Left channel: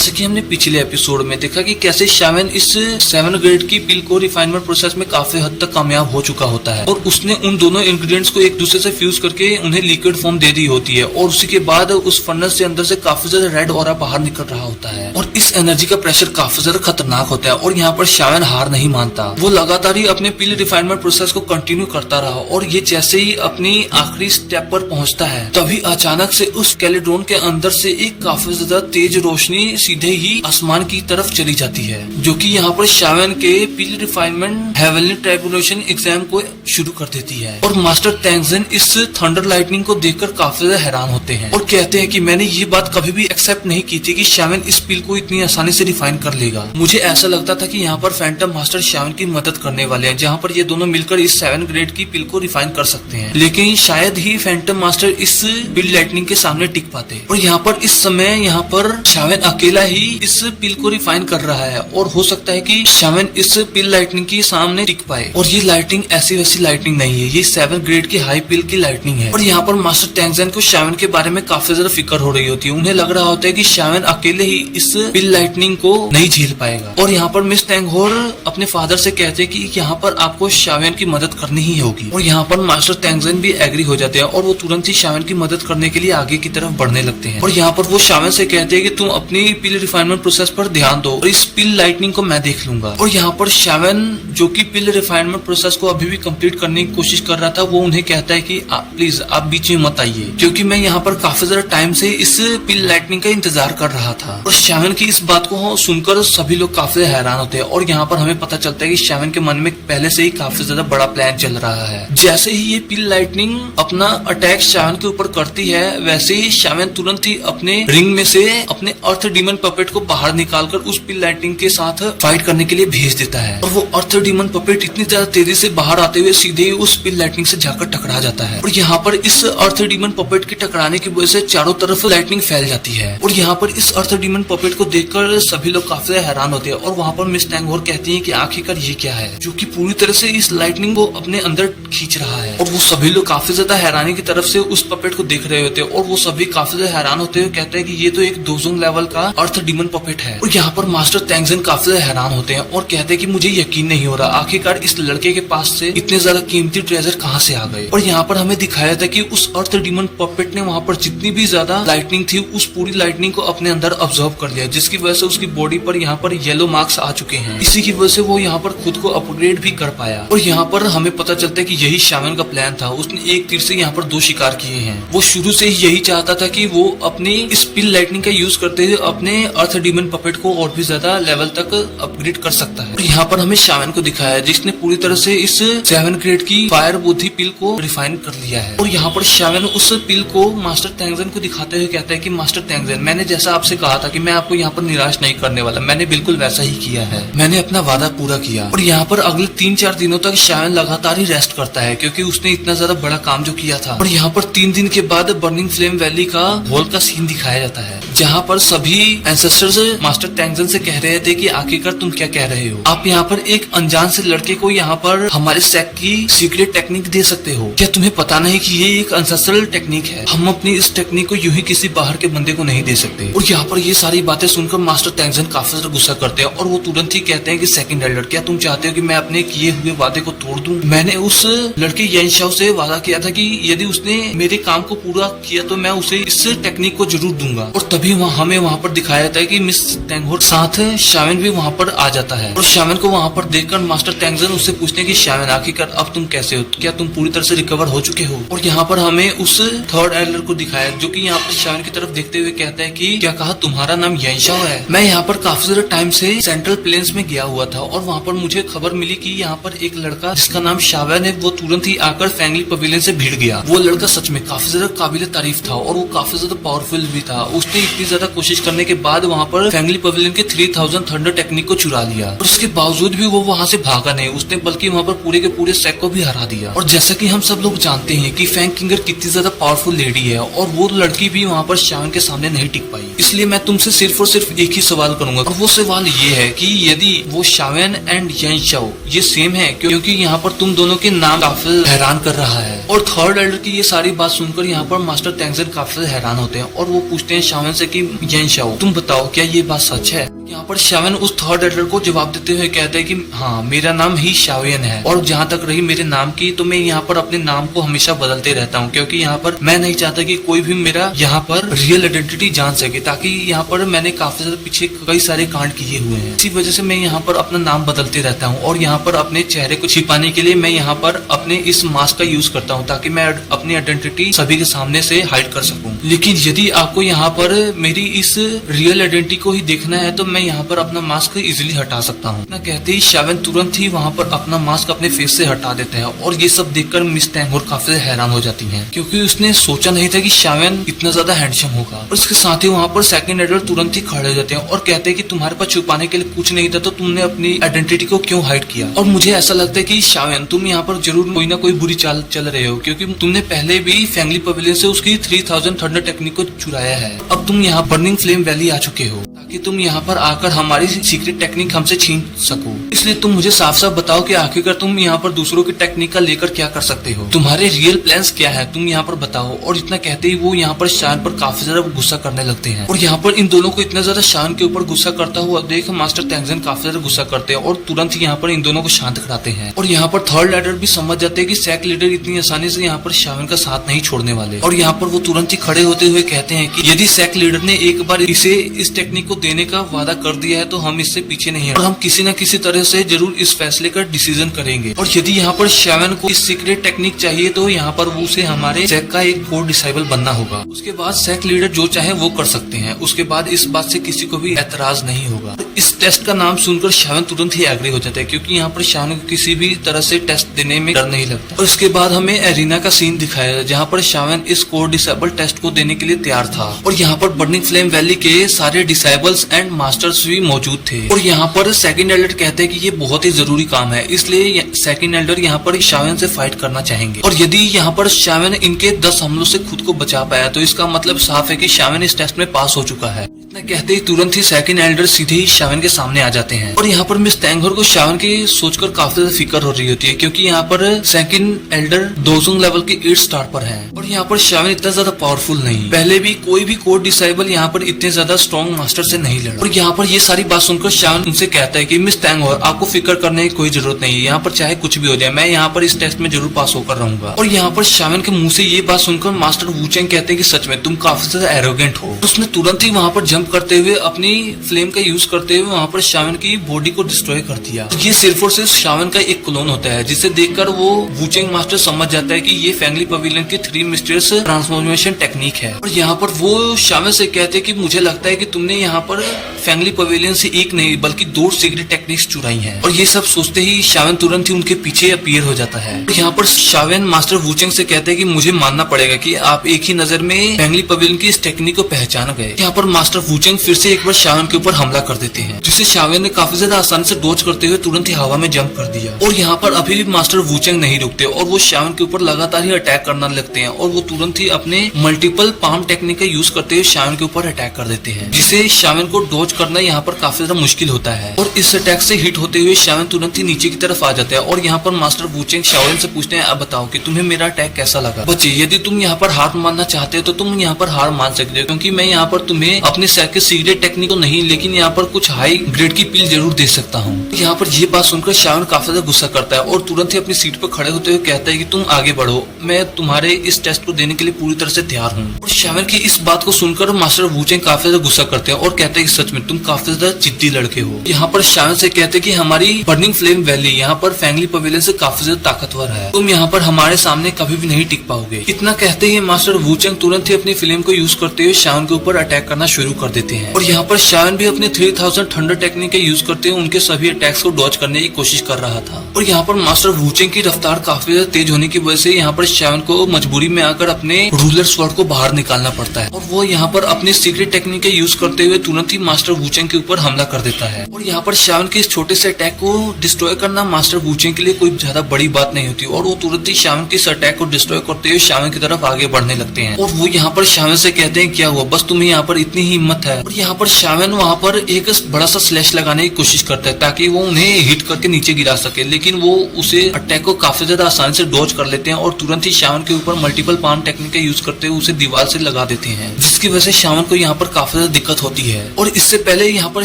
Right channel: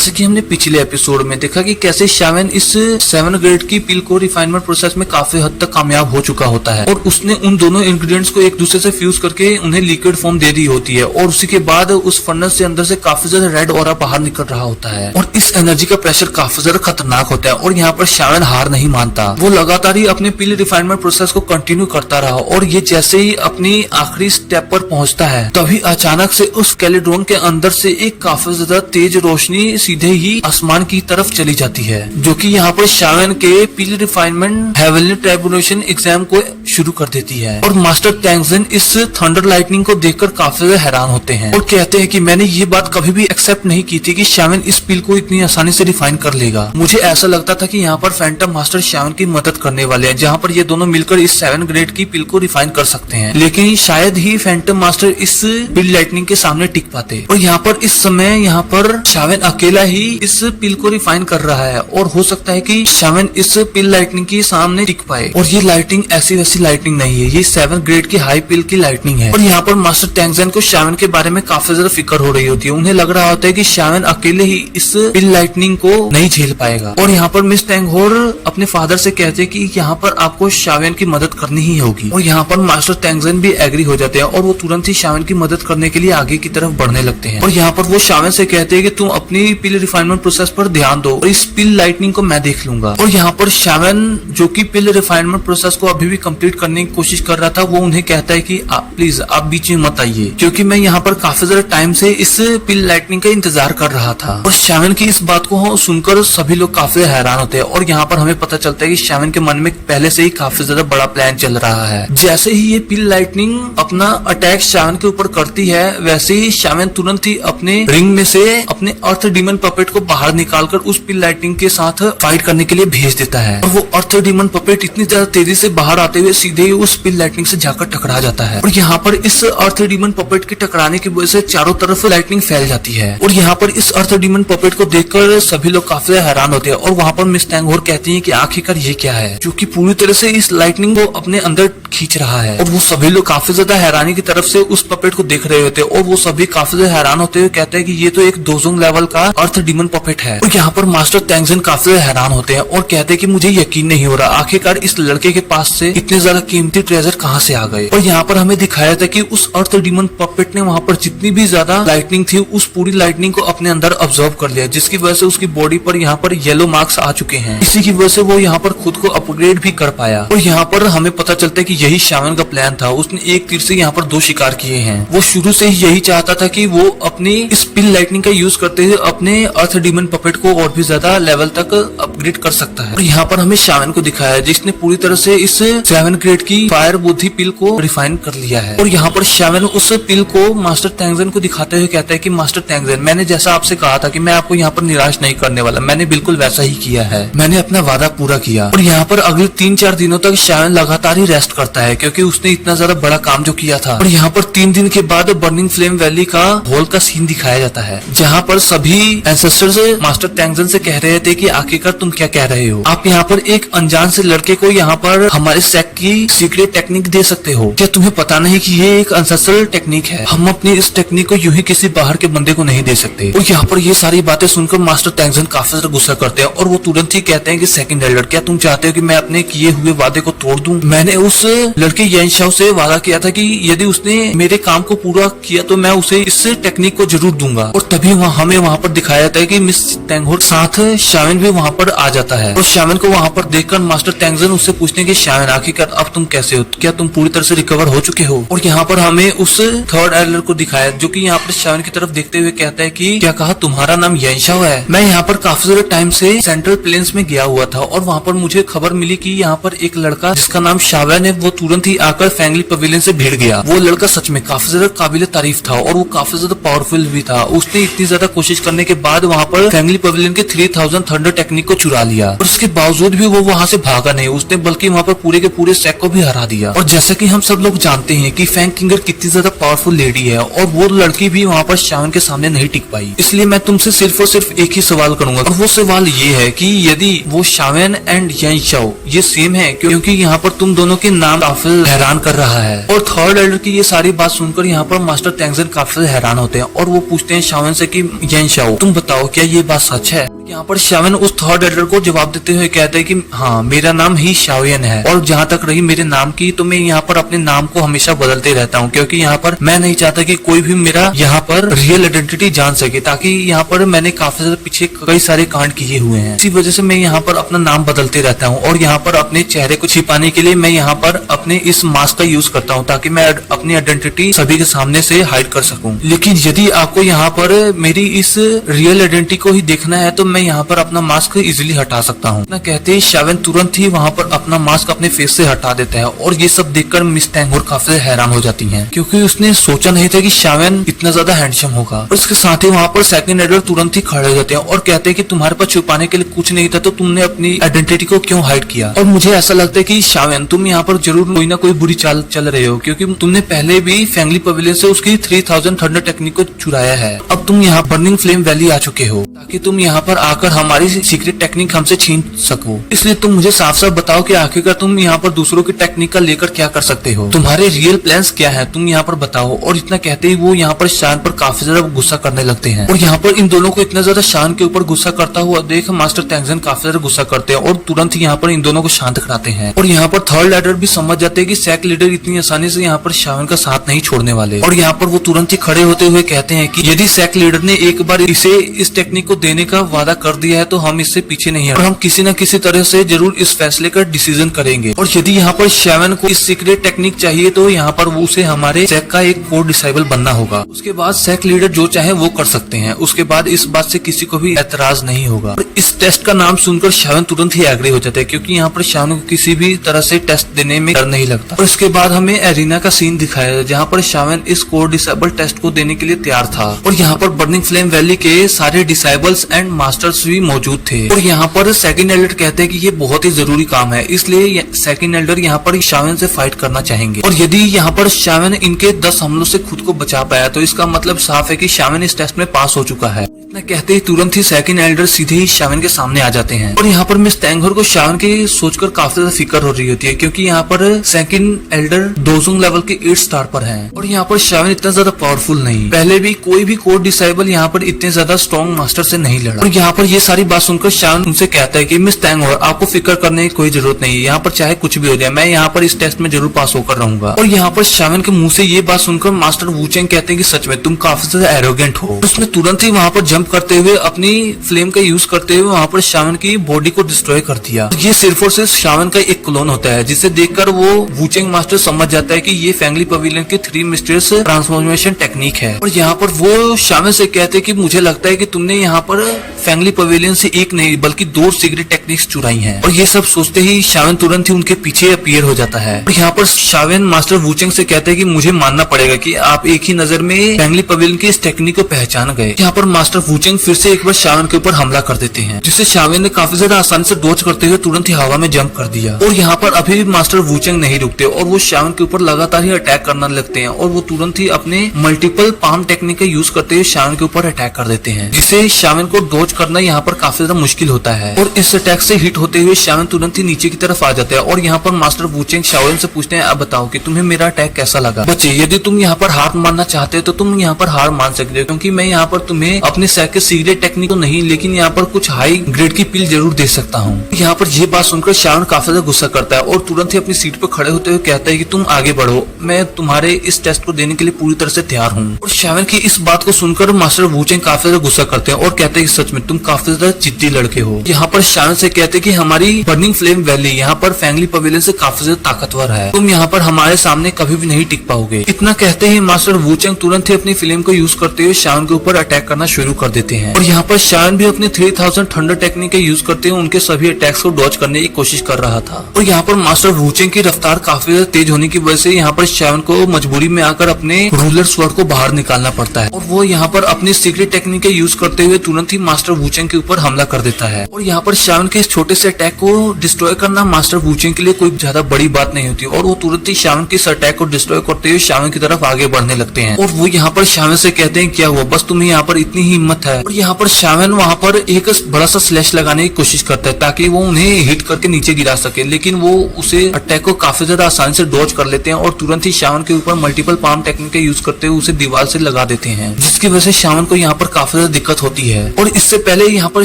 जैसे कि हमने पिछले एपिसोड में देखा कि कैसे शावेन इस 7 ग्रेड की पिल को रिफाइनमेंट प्रोसेस में काफी हद तक कामयाब हो चुका होता है और उसने उन दोनों इंग्रेडिएंट्स को एक दूसरे से फ्यूज करके उन्हें लिक्विड फॉर्म दे दी होती है और उसी के बाद उस फर्नेस के अंदर से काफी ज्यादा रेड ऑरा बाहर निकल रहा होता है और इस एनर्जी का प्रेशर काफी ज्यादा खतरनाक होता है। और यहाँ पर शावेन हार नहीं मानता, वो लगातार ही अपने पिल रिफाइनमेंट प्रोसेस को कंटिन्यू करता रहा और ये जैसे ही अपनी आखिरी स्टेप पर पहुंचता है तभी अचानक से उस कैलिड्रोन के अंदर से एक काफी ज्यादा तेज रोशनी सीधे ही आसमान की तरफ चली जाती है, जो कि यहाँ पर शावेन के पिल रिफाइनमेंट हेवनली ट्राइबुलेशन एग्जाम को शुरू कर देती है। और मास्टर टैंगजेन इस थंडर लाइटनिंग को देखकर काफी ज्यादा हैरान होते हैं और कहते हैं कि मैंने ये बात कभी भी एक्सेप्ट नहीं की थी कि शावेन इस पिल को इतनी आसानी से रिफाइन कर लेगा। मुझे ऐसा लगता था कि यहाँ पर फैंटम मास्टर शावेन की मदद करने वाले हैं, जहाँ पर ये दोनों मिलकर इस 7 ग्रेड की पिल को रिफाइन कर सकते हैं, लेकिन शायद ही फैंटम मास्टर इस पिल लाइटनिंग के सामने टिक पाते। और यहाँ पर इस समय यहाँ पर शावेन अकेला ही इस पिल को रिफाइन कर रहा है और हो सकता है कि शावेन इस पिल लाइटनिंग के सामने टिक पाए। और ये लाइटनिंग ऐसी वैसी लाइटनिंग नहीं है, ये 7 ग्रेड की हाई पिल की लाइटनिंग है। और यहाँ पर मास्टर टैंगजेन को शावेन के बारे में काफी ज्यादा फिक्र हो रही होती है, उन्हें लग रहा होता है कि शावेन अकेले ही इस पिल लाइटनिंग को नहीं झेल पाएगा। और यहाँ पर मिस टैंगहोर अपने फादर से कहते हैं कि यहाँ पर आपको शावेन की मदद करनी ही होगी। और यहाँ पर मास्टर टैंगजेन भी एग्री हो जाते हैं और वो तुरंत ही शावेन की मदद करने के लिए आगे की तरफ बढ़ने लगते हैं। और यहाँ पर वो शावेन से कहते हैं कि तुम अपनी पिल रिफाइनमेंट प्रोसेस पर ध्यान दो और इस पिल लाइटनिंग को मैं देख लूंगा। और यहाँ पर शावेन जो कि पिल रिफाइनमेंट प्रोसेस को अभी भी कंप्लीट करने की कोशिश कर रहा था, वो उन्हें कहता है कि प्लीज आप बीच में मत आइए, क्योंकि मैं यहाँ पर काफी ज्यादा टाइम से इस पिल लाइटनिंग का इंतजार कर रहा था। और शावेन की इस बात को सुनकर सभी लोग काफी हैरान होते हैं और यहाँ पर हमें पता चलता है कि शावेन के मन में पहले से ही काफी ज्यादा बड़ा प्लान चल रहा है। जैसे ही ये पिल लाइटनिंग अपना अटैक शावेन के ऊपर करती है, वैसे ही शावेन तुरंत ही अपने रिंग में से अपने अर्थ डीमन पपेट को बाहर निकालकर उस पिल लाइटनिंग के साथ फाइट करने के लिए भेज देता है। और वो अर्थ डीमन पपेट इतनी ज्यादा तेजी से बाहर आते हुए सीधे ही उस पिल लाइटनिंग से जाकर टकरा जाता है। और यहाँ पर इस अर्थ डीमन पपेट के टकराने की वजह से चारों तरफ लाइटनिंग फैल जाती है। और यहाँ पर इस अर्थ डीमन पपेट को देखकर सभी लोग काफी हैरान होते हैं और वहाँ पर मिस टैंगहोर कहती है कि आखिरकार ये क्या है जो कि पूरी तरह से इस लाइटनिंग को अपने अंदर खींच रहा है। और वो सभी लोग काफी ज्यादा हैरानी की तरफ से उस पपेट को देख रहे होते हैं और वो सभी काफी ज्यादा हैरान होते हुए कहते हैं कि ये तो एक दोजोंग लेवल का अर्थ डीमन पपेट है। और यहाँ पर मास्टर टैंगजेन काफी हैरान होते हैं और कहते हैं कि मुझे यकीन नहीं हो रहा, आखिरकार इस लड़के के पास से इतने ज्यादा कीमती ट्रेजर कहाँ से आ गए। और यहाँ पर हमें दिखाया था कि उस अर्थ डीमन पपेट ने वहाँ पर जितनी भी ज्यादा लाइटनिंग थी उस पूरी लाइटनिंग को अपने अंदर ऑब्जर्व कर लिया, जिसकी वजह से उसकी बॉडी पर यहाँ पर येलो मार्क्स आ चुके हैं। इसी की वजह से वो यहाँ पर खुद को अपग्रेड भी कर पाया। और यहाँ पर हमें पता चलता है कि यही शावेन का प्लान था, उसने एक तीर से यहाँ पर 2 शिकार किए हैं। वो शुरू से ही यही चाहता था कि वो अपनी इस पिल लाइटनिंग का यूज करते हुए अपने अर्थ डीमन पपेट को और भी ज्यादा लेवल तक अपग्रेड कर सकता है। और यहाँ पर हमें शावेन को दिखाया है जिसने पूरी तरह से इस 7 ग्रेड की फायर बुद्धि पिल को रिफाइन कर लिया है। और यहाँ पर शावेन उस पिल को मास्टर टैंगजेन को दिखाते हुए कहता है कि मास्टर टैंगजेन, मैंने जैसा आपसे कहा था कि मैं आपको यहाँ पर निराश नहीं करने वाला, मैंने बिल्कुल वैसा ही किया है, मैंने अपना वादा पूरा किया। और यहाँ पर अगले 3-4 दिनों तक शावेन लगातार ही रेस्ट करता है क्योंकि उसने इतना ज्यादा बड़ा काम जो किया था। और यहाँ पर 3 दिन के बाद बर्निंग फ्लेम वैली का होल का सीन दिखाया जाता है, जहाँ पर सभी एंसेस्टर्स मास्टर टैंगजेन से कह रहे थे कि आखिरकार तुम क्या कह रहे हो, आप यहाँ पर एक अनजान से लड़के को यहाँ पर हमारे सेक्ट की सीक्रेट टेक्निक दे सकते हो, क्या तुम्हें पता नहीं कि ये एक एंसेस्ट्रल टेक्निक है, हम अपनी इस टेक्निक को यूं ही किसी बाहर के बंदे को नहीं दे सकते। और यहाँ पर ये सारी बातें सुनकर मास्टर टैंगजेन काफी ज्यादा गुस्सा करते हैं और वो तुरंत ही कहते हैं कि सेकंड एल्डर, क्या तुम चाहते हो कि मैं अपने किए हुए वादे को तोड़ दूं? मैंने उस लड़के येनशाओ से वादा किया था कि यदि उसने मेरे काम को पूरा किया तो मैं उसे इस टेक्निक को जरूर दूंगा। और तभी हमें वहाँ पर दिखाया जाता है कि मिस टैंगहोर साथ शावेन भी वहाँ पर आ जाता है। और शावेन को वहाँ पर देखकर मास्टर टैंगजेन उससे पूछते हैं कि शावेन आखिरकार अब तुम कैसे हो, क्या तुम पूरी तरह से रिकवर हो चुके हो? और यहाँ पर हमें उस थर्ड एल्डर को दिखाया जो कि यहाँ पर शावेन की तरफ देखते हुए कहता है कि क्या कहा, तुम्हारा नाम येनशाओ है? मैं यहाँ पर काफी ज्यादा टाइम से सेंट्रल प्लेन्स में गया हुआ था और वहाँ पर मुझे खबर मिली कि यहाँ पर एक लड़का जिसका नाम शावेन है वो तुरंत ही आकर फैंगली पवेलियन से भिड़ गया। वो लड़का सच में काफी ज्यादा काबिल तारीफ था और वो काफी ज्यादा पावरफुल भी था। उसने इतनी ज्यादा कोशिश करने के बाद वहाँ पर फैंगली पवेलियन के 3000 थंडर टेक्निक को चुरा लिया और उसके बावजूद भी वो वहाँ से भागा नहीं, उसने बल्कि वहाँ पर पूरे के पूरे सेक को भी हरा दिया। और जैसा कि हम सब लोग जानते हैं कि फैंग किंगर कितनी ज्यादा पावरफुल लेडी है और वो लड़की भी वहाँ पर शावेन के सामने नहीं टिक पाई। इसलिए मैं तुमसे सिर्फ और सिर्फ एक ही सवाल करूंगा और वो सवाल ये है कि यदि वो शावेन एंड येनशाओ ये सेम है, क्योंकि यहाँ पर तुम दोनों के नाम काफी हैरान कर रहा है। और थर्ड एल्डर की ये सारी बात सुनकर यहाँ पर मास्टर टैंगजेन काफी हैरान होते हैं और वो पूछते हैं शावेन से कि येनशाओ तुम तुम बताओ क्या ये बात सच है? यहाँ पर शावन उस थर्ड एल्डर को जवाब देते हुए कहता है कि हाँ, मेरा नाम ही शावियन है, और जहाँ तक रही मेरे नाम की, तो मैं यहाँ पर अपने नाम को हमेशा बदलते रहता हूँ, क्योंकि यहाँ पर मैं नहीं चाहता कि कोई भी मेरा यहाँ पर रियल आइडेंटिटी जान सके, ताकि यहाँ पर मैंने काफी ज्यादा पीछे कई सारे कांड किए हुए हैं। इसी वजह से मैं यहाँ पर अपना नाम बदलते रहता हूँ, और यहाँ पर अपने चेहरे को छिपाने के लिए मैं यहाँ पर अपने इस मास्क का यूज करता हूँ, ताकि मैं अपनी आइडेंटिटी सभी के सामने से हाइड कर सकूँ। लेकिन यदि आपको यहाँ पर मेरी इस रियल आइडेंटिटी को ही देखना है, तो मैं यहाँ पर अपना मास्क इजिली हटा सकता हूँ। ना कहते ही शावन तुरंत ही वहाँ पर अपना मास्क अपने फेस से हटा देता है, और ये सब देखकर मिस टैंगोर काफी हैरान हो जाती है, क्योंकि उसने सोचा नहीं था कि शावन इतना ज्यादा हैंडसम होगा। और इसके साथ ही वहाँ पर सेकंड एल्डर तुरंत ही खड़े हो जाते हैं और कहते हैं कि तुम्हारे पास छुपाने के लिए कुछ नहीं था, तो तुमने अपनी आइडेंटिटी को क्यों हाइड किया? और मुझे ऐसा लगता है कि शावन, तुम यहाँ पर जरूर कोई ना कोई बुरी चाल चल रहे हो, क्योंकि तुमने पहले भी फैंगली पवेलियन से उसकी 3000 थंडर टेक्निक को चुराया है। अब तुम यहाँ बर्निंग फ्लेम वैली आ चुके हो, ताकि तुम यहाँ पर आकर हमारी सीक्रेट टेक्निक हमसे छीन सको। इसलिए तुम मुझे साफ साफ बताओ कि आखिरकार तुम यहाँ पर दूसरों की टेक्निक का लेकर क्या कर सकते हो? तुम्हारे रियल प्लान्स क्या है? तुम यहाँ पर बताओ। और इतना कहते ही वो यहाँ पर शान पर काफी ज्यादा गुस्सा करने लगते हैं, और यहाँ पर इन दोनों को इतना ज्यादा शान के ऊपर गुस्सा करता हुआ देख मास्टर तैंगजन काफी ज्यादा गुस्सा करते हैं, और तुरंत ही यहाँ पर इन दोनों को शांत कराते हैं। और यहाँ पर थर्ड एल्डर भी समझ जाते हैं कि सैक लीडर इतनी आसानी से यहाँ पर शावन का साथ नहीं छोड़ने वाले, और यहाँ पर वो तुरंत ही खड़े होते हुए कहते हैं कि यदि सैक लीडर ने एक बार इसे इस टेक्निक को देने का वादा कर दिया है, तो हम इससे पीछे नहीं है, और हम किसी न किसी तरह से जरूर इस फैसले का डिसीजन करेंगे। और यदि यहाँ पर शावन को इस सीक्रेट टेक्निक चाहिए, तो यहाँ पर वो उसे हमारे सैक का एक कोर डिसाइबल बनना होगा। उसके बाद सैक लीडर जो चाहे वो कर सकते हैं। उसके बाद इस बात से किसी को भी एतराज नहीं होगा। और इस टेस्ट का नाम सुनकर शावन तुरंत ही एग्री हो जाता है, क्योंकि यहाँ पर शावन को किसी भी तरह से टेस्ट देने में डर नहीं लगता। और इसके बाद हमें एरिना का सीन दिखाया है, जहाँ पर शावन इस कोर डिसाइबल टेस्ट को देने के लिए तैयार था, और यहाँ पर बर्निंग फ्लेम वैली के सारे डिसाइबल्स एंड मास्टर्स भी मौजूद थे। और यहाँ पर सेकंड एल्डर कहते हैं कि ये बहुत ही जरूरी काम है, इसलिए सेकंड एल्डर यहाँ पर शावन से फाइट करना चाहेंगे। और यदि यहाँ पर शावन इनके 10 हमलों से खुद को बचा पाया, तो इसका मतलब साफ है कि शावन इस टेस्ट में पास हो चुका है। इतना कहते ही तुरंत ही सेकंड एल्डर सीधे ही शावन के सामने आ जाते हैं। और यहाँ पर मिस टैंगोर को शावन के सोचकर काफी ज्यादा फिक्र हो रही होती है, क्योंकि यहाँ पर सेकंड एल्डर दोजुंग लेवल के 8 स्टार पर है, और यहाँ पर शावन इतना ज्यादा पावरफुल नहीं। पहले भी कोई भी कोर डिसाइबल यहाँ पर इतने ज्यादा स्ट्रॉन्ग मास्टर से नहीं लड़ा। और यहाँ पर ये सारी बात सुनकर शावन उनसे कहता है कि मिस टैंगोर, आपको फिक्र करने की कोई जरूरत नहीं है, यहाँ पर चाहे कुछ भी हो जाए, मैं यहाँ पर इस टेस्ट में जरूर पास होकर रहूंगा। और यहाँ पर शावन के मुंह से ये बात सुनकर मास्टर वूचेंग कहते हैं कि सच में तुम काफी ज्यादा एरोगेंट हो। उसने तुरंत ही वहाँ पर जंप करते हुए अपनी फ्लेम का यूज करते हुए वहाँ पर शावन की बॉडी को डिस्ट्रॉय कर दिया। ये सिर्फ और सिर्फ शावन का एक क्लोन होता है, जिसे देखकर वो वूचेंग मास्टर समझ जाता है कि ये फैंगली पवेलियन की 3 मिस्टीरियस ट्रांसफॉर्मेशन टेक्निक है। और यहाँ पर वो शावन से कहते हैं कि मुझे लगता है कि तुमने यहाँ पर फैंगली पवेलियन से एक नहीं बल्कि 2 सीक्रेट टेक्निक्स चुराई हैं। और ये सब सोचते ही शावन तुरंत ही उनके पीछे अपीयर हो जाता है। और यहाँ पर शावन मास्टर वूचेंग से कहते हैं कि मुझे मानना पड़ेगा कि आप एक ही नजर में फैंगली पवेलियन की इस टेक्निक को पहचान गए। यहाँ पर मास्टर वूचेंग फिर से एक बार शावन के ऊपर हमला कर देते हैं, जिससे शावन ने काफी ज्यादा आसानी से डॉज करते हुए तुरंत ही हवा में जंप कर दिया। और यहाँ पर अभी भी मास्टर वूचेंग नहीं रुकते, और वो शावन के ऊपर लगातार ही अटैक करना लगते हैं, और वो तुरंत ही अपने मल्टीपल पाम टेक्निक का यूज करते हुए शावन के ऊपर अटैक कर देते हैं, जिससे शावन को डॉज करना यहाँ पर काफी ज्यादा मुश्किल होता है। और इस अटैक से हिट होते हुए शावन तुरंत ही नीचे की तरफ आ जाता है। और यहाँ पर मास्टर वूचेंग शावन से पूछते हैं, अब बताओ कि तुम्हें मेरा अटैक कैसा लगा? बच्चे, यदि तुम यहाँ पर हार मानना चाहते हो तो तुम यहाँ पर हार मान सकते हो, क्योंकि मैं यहाँ पर तुम्हें अपने सैक के सीक्रेट टेक्निक तो नहीं, लेकिन यहाँ पर कुछ हाई ग्रेड की पिल जरूर दे सकता हूँ। यहाँ पर ये बात सुनकर शावन काफी ज्यादा गुस्सा करता है, और तुरंत ही अपनी सीट पर खड़े होते हुए कहता है कि तुम आगे बढ़ो, मैं तुम्हारे इस टेस्ट को देने के लिए पूरी तरह से तैयार हूँ। और शावन की इस बात को सुनकर मास्टर वूचेंग काफी ज्यादा गुस्सा करते हैं, और कहते हैं कि सच में तुम काफी ज्यादा जिद्दी लड़के हो। यहाँ पर शावन से कहते हैं कि हमारी बर्निंग फ्लेम वैली यहाँ पर फैंगली पवेलियन से काफी ज्यादा ताकतवर है, तुम यहाँ पर हमारे सामने कभी भी नहीं टिक पाओगे। इतना कहते ही मास्टर वूचेंग तुरंत ही अपनी फ्लेम को यूज करते हुए शावन के ऊपर अटैक करना शुरू कर देते हैं। और यहाँ पर शावन भी अपने 3000 थंडर टेक्निक का यूज करते हुए उनके सभी अटैक्स को डॉज करने की कोशिश कर रहा था। और यहाँ पर मास्टर वूचेंग की रफ्तार काफी ज्यादा तेज होने की वजह से यहाँ पर शावन को मजबूरी में आकर अपने रूलर स्वॉर्ड को बाहर निकालना पड़ता है, और वो यहाँ पर अपनी सीक्रेट टेक्निक का यूज करते हुए तुरंत ही मास्टर वूचेंग के ऊपर हमला कर देता है। और यहाँ पर शावन के इस छोटे से अटैक को डिस्ट्रॉय करना मास्टर वूचेंग के लिए कोई ज्यादा बड़ी बात नहीं होती, और वो तुरंत ही शावन के इस अटैक को डिस्ट्रॉय करते हुए शावन की तरफ आगे बढ़ने लगते हैं। और वो यहाँ पर शावन से कहते हैं, क्या हुआ, बस तुम्हें यहाँ पर इतनी ही हिम्मत है? और यहाँ पर शावन वहाँ पर एक बड़ा सा स्लैश लगाने की कोशिश करता है, ताकि वो उन्हें हिट करके नीचे गिरा सके, लेकिन वो उसे अटैक को काफी ज्यादा आसानी से डॉज कर लेते हैं, और तुरंत ही शावन के ऊपर मल्टीपल पाम टेक्निक का यूज करते हुए उसे दीवार से लगा देते हैं, जिसकी वजह से शावन को यहाँ पर काफी ज्यादा दिक्कत होती है। है। और इससे पहले यहाँ पर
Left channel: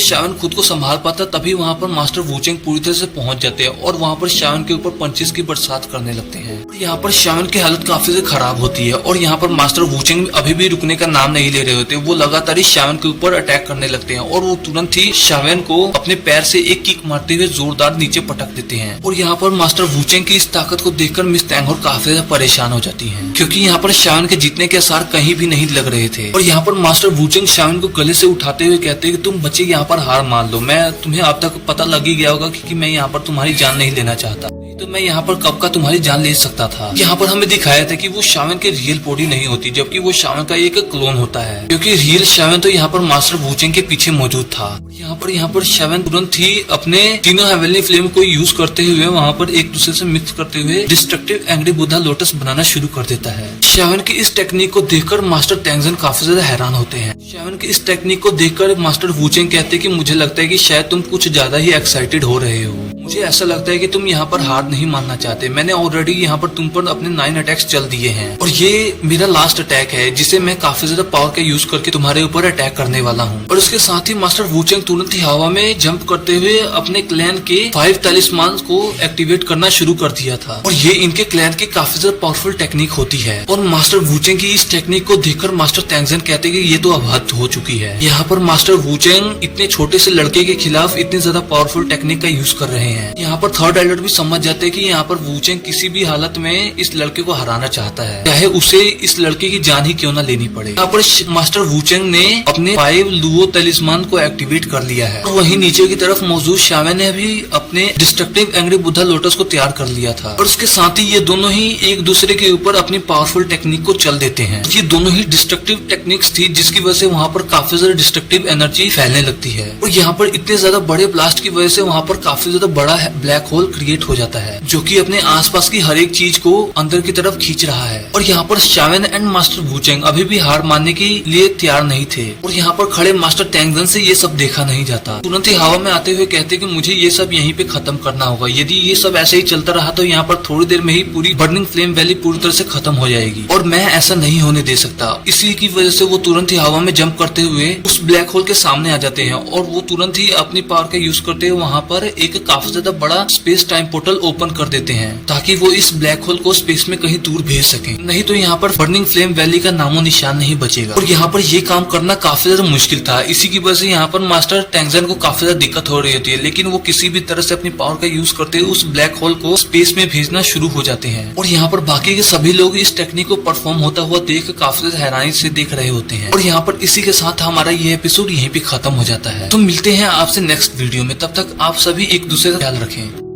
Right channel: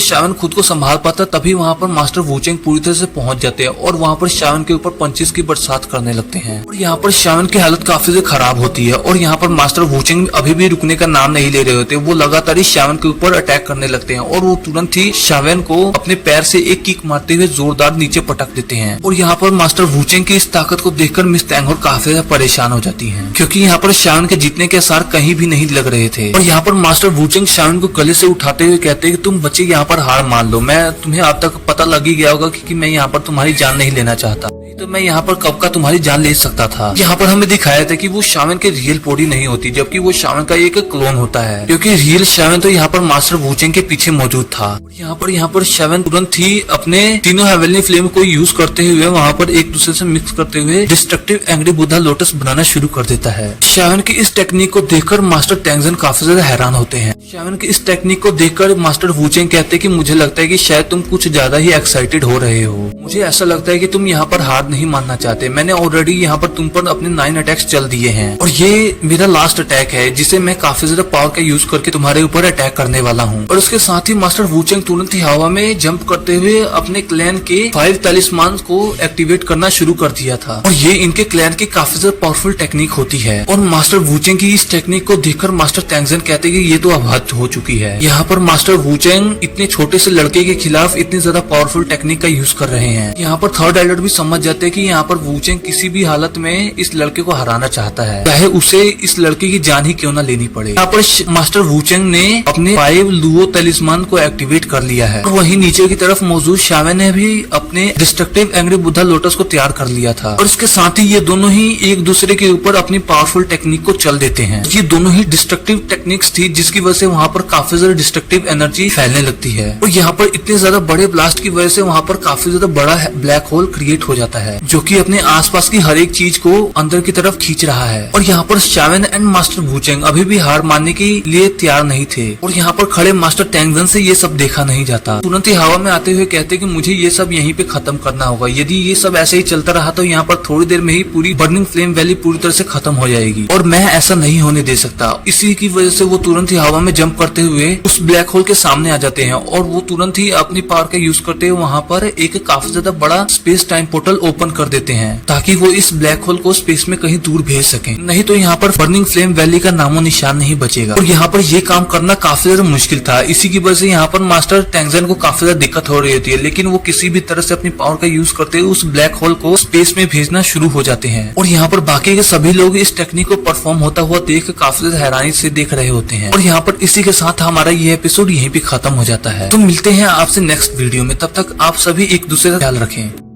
शावन खुद को संभाल पाता तभी वहाँ पर मास्टर वुचेंग पूरी तरह से पहुंच जाते हैं और वहाँ पर शावन के ऊपर पंचेस की बरसात करने लगते हैं। और यहाँ पर शावन की हालत काफी से खराब होती है और यहाँ पर मास्टर वुचेंग अभी भी रुकने का नाम नहीं ले रहे होते। वो लगातार ही शावन के ऊपर अटैक करने लगते हैं और वो तुरंत ही शावन को अपने पैर से एक किक मारते हुए जोरदार नीचे पटक देते हैं। और यहाँ पर मास्टर वुचेंग की इस ताकत को देखकर मिस तैंगहोर काफी ज्यादा परेशान हो जाती है, क्योंकि यहाँ पर शावन के जीतने के आसार कहीं भी नहीं लग रहे थे। और यहाँ पर मास्टर वुचेंग शावन को गले से उठाते हुए कहते हैं कि तुम बच्चे यहाँ पर हार मान लो, मैं तुम्हें अब तक पता लग ही गया होगा कि मैं यहाँ पर तुम्हारी जान नहीं लेना चाहता, तो मैं यहाँ पर कब का तुम्हारी जान ले सकता था। यहाँ पर हमें दिखाया था कि वो शावन की रियल बॉडी नहीं होती, जबकि वो शावन का एक क्लोन होता है, क्योंकि रियल शावन तो यहाँ पर मास्टर वुचेंग के पीछे मौजूद था। यहाँ पर शावन तुरंत ही अपने तीनों हेवनली फ्लेम को यूज करते हुए वहाँ पर एक दूसरे से मिक्स करते हुए डिस्ट्रक्टिव एंग्री बुद्धा लोटस बनाना शुरू कर देता है। शावन की इस टेक्निक को देखकर मास्टर टैंगजन काफी ज्यादा हैरान होते हैं। शावन की इस टेक्निक को देखकर मास्टर वुचेंग कहते हैं कि मुझे लगता है कि शायद तुम कुछ ज्यादा ही एक्साइटेड हो रहे हो। मुझे ऐसा लगता है कि तुम यहाँ पर हार नहीं मानना चाहते। मैंने ऑलरेडी यहाँ पर तुम पर अपने 9 अटैक्स चल दिए हैं और ये मेरा लास्ट अटैक है जिसे मैं काफी ज्यादा पावर का यूज करके तुम्हारे ऊपर अटैक करने वाला हूँ। और उसके साथ ही मास्टर वुचेंग तुरंत ही हवा में जंप करते हुए अपने क्लैन के 5 टैलिस्मान को एक्टिवेट करना शुरू कर दिया था। और ये इनके क्लैन की काफी ज्यादा पावरफुल टेक्निक होती है। और मास्टर वुचेंग की इस टेक्निक को देखकर मास्टर टैंगजन कहते हैं कि ये तो अब हद हो चुकी है। यहाँ पर मास्टर वुचेंग इतने छोटे से लड़के के खिलाफ इतनी ज्यादा पावरफुल टेक्निक का यूज कर रहे हैं। यहाँ पर थर्ड एल्डर भी समझ जाते हैं कि यहाँ पर वुचेंग किसी भी हालत में इस लड़के को हराना चाहता है, चाहे उसे इस लड़के की जान ही क्यों ना लेनी पड़े। यहाँ पर मास्टर वुचेंग ने अपने 5 लुओ टैलिस्मान को एक्टिवेट कर लिया है और वहीं नीचे की तरफ मौजूद शावन ने भी अपने डिस्ट्रक्टिव एंग्री बुद्धा लोटस को तैयार कर लिया था। और इसके साथ ही ये दोनों ही एक दूसरे के ऊपर अपनी पावरफुल टेक्निक को चल देते हैं। ये दोनों ही डिस्ट्रक्टिव टेक्निक्स थी जिसकी वजह से वहाँ पर काफी ज्यादा डिस्ट्रक्टिव एनर्जी फैलने लगती है। और यहाँ पर इतने ज्यादा बड़े ब्लास्ट की वजह से वहाँ पर काफी ज्यादा बड़ा ब्लैक होल क्रिएट हो जाता है, जो कि अपने आसपास की हर एक चीज को अंदर की तरफ खींच रहा है। और यहाँ पर शावन एंड मास्टर वुचेंग अभी भी हार मानने के लिए तैयार नहीं थे। और यहाँ पर खड़े मास्टर टैंगजन से ये सब देखा नहीं जाता। तुरंत ही हवा में आते हुए कहते कि मुझे ये सब यहीं पे खत्म करना होगा। यदि ये सब ऐसे ही चलता रहा तो यहाँ पर थोड़ी देर में ही पूरी बर्निंग फ्लेम वैली पूरी तरह से खत्म हो जाएगी और मैं ऐसा नहीं होने दे सकता। इसी की वजह से वो तुरंत ही हवा में जंप करते हुए उस ब्लैक होल के सामने आ जाते हैं और वो तुरंत ही अपनी पावर का यूज करते हुए वहाँ पर एक काफी ज्यादा बड़ा स्पेस टाइम पोर्टल ओपन कर देते हैं ताकि वो इस ब्लैक होल को स्पेस में कहीं दूर भेज सकें। नहीं तो यहाँ पर बर्निंग फ्लेम वैली का नामो निशान नहीं बचेगा। और यहाँ पर ये काम करना काफी ज्यादा मुश्किल था। इसी की वजह से यहाँ पर मास्टर टैंगजन को काफी ज्यादा दिक्कत हो रही होती है, लेकिन वो किसी भी तरह से अपनी पावर का यूज करते हुए उस ब्लैक होल को स्पेस में भेजना शुरू हो जाते हैं। और यहाँ पर बाकी के सभी लोग इस टेक्निक को परफॉर्म होता हुआ देख काफी ज्यादा हैरानी से देख रहे होते हैं। और यहाँ पर इसी के साथ हमारा ये एपिसोड यहीं पे खत्म हो जाता है। तो मिलते हैं आपसे नेक्स्ट वीडियो में, तब तक आप सभी एक दूसरे का ख्याल रखें।